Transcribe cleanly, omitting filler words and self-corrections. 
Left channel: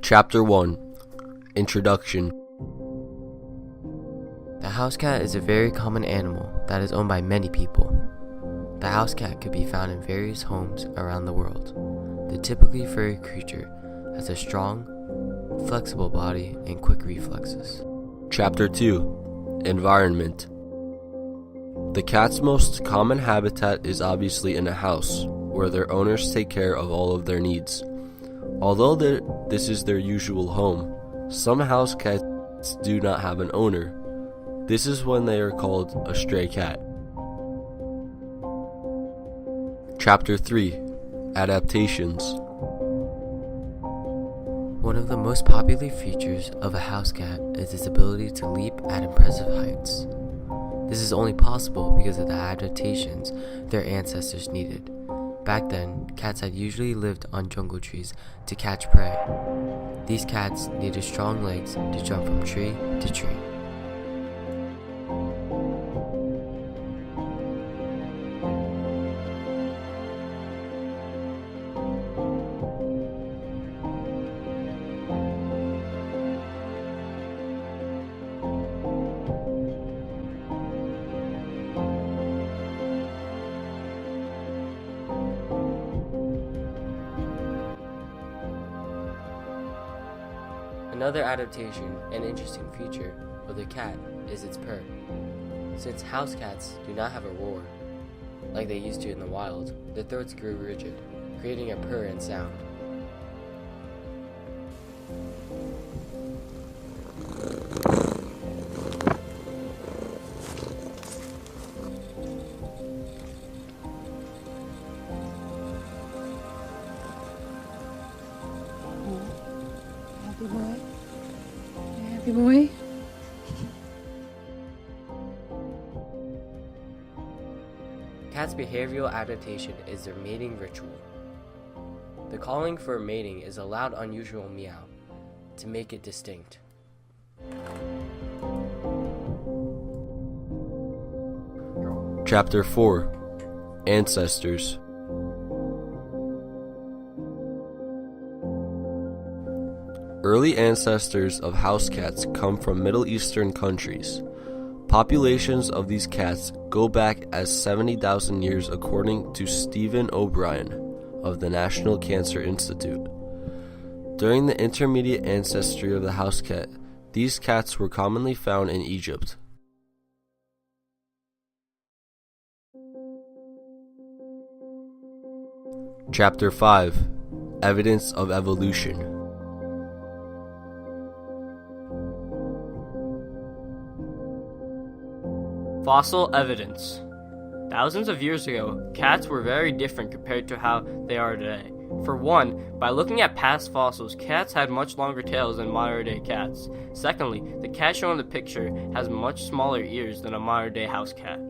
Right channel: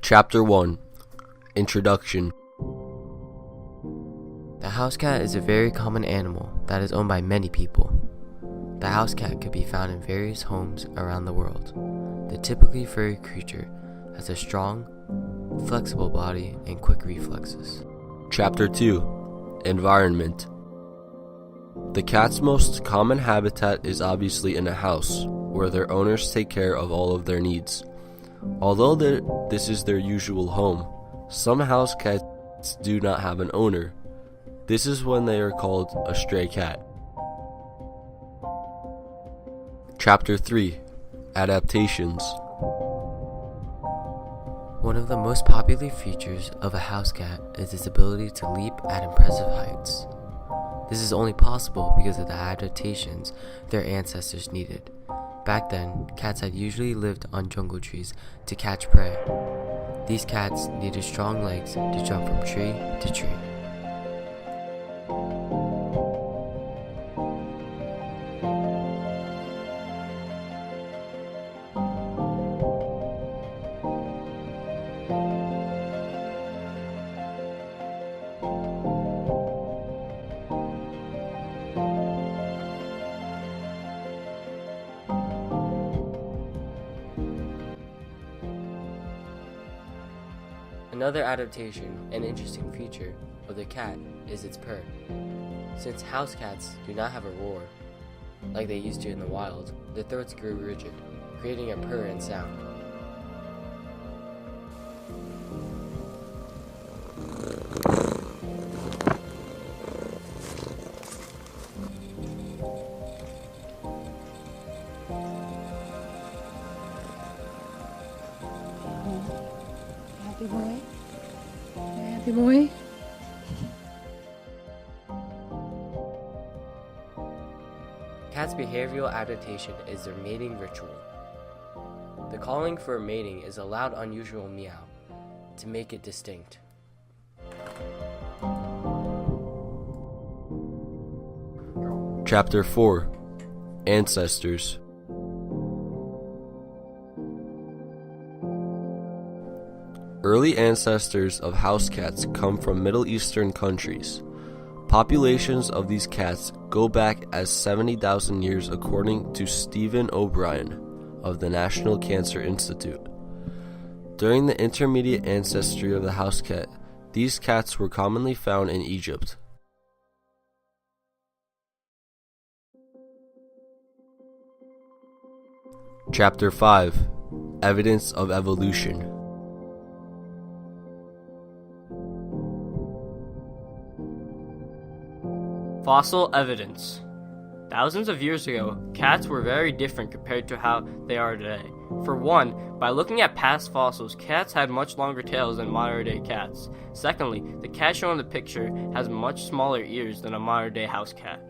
Chapter 1 Introduction. The house cat is a very common animal that is owned by many people. The house cat could be found in various homes around the world. The typically furry creature has a strong, flexible body and quick reflexes. Chapter 2 Environment. The cat's most common habitat is obviously in a house, where their owners take care of all of their needs. Although this is their usual home, some house cats do not have an owner. This is when they are called a stray cat. Chapter 3 Adaptations. One of the most popular features of a house cat is its ability to leap at impressive heights. This is only possible because of the adaptations their ancestors needed. Back then, cats had usually lived on jungle trees to catch prey. These cats needed strong legs to jump from tree to tree. Another adaptation and interesting feature of the cat is its purr. Since house cats do not have a roar, like they used to in the wild, their throats grew rigid, creating a purr and sound. Happy boy? Happy boy? Cats' behavioral adaptation is their mating ritual. The calling for mating is a loud, unusual meow to make it distinct. Chapter 4 Ancestors. Early ancestors of house cats come from Middle Eastern countries. Populations of these cats go back as 70,000 years according to Stephen O'Brien of the National Cancer Institute. During the intermediate ancestry of the house cat, these cats were commonly found in Egypt. Chapter 5 Evidence of Evolution. Fossil evidence. Thousands of years ago, cats were very different compared to how they are today. For one, by looking at past fossils, cats had much longer tails than modern-day cats. Secondly, the cat shown in the picture has much smaller ears than a modern-day house cat.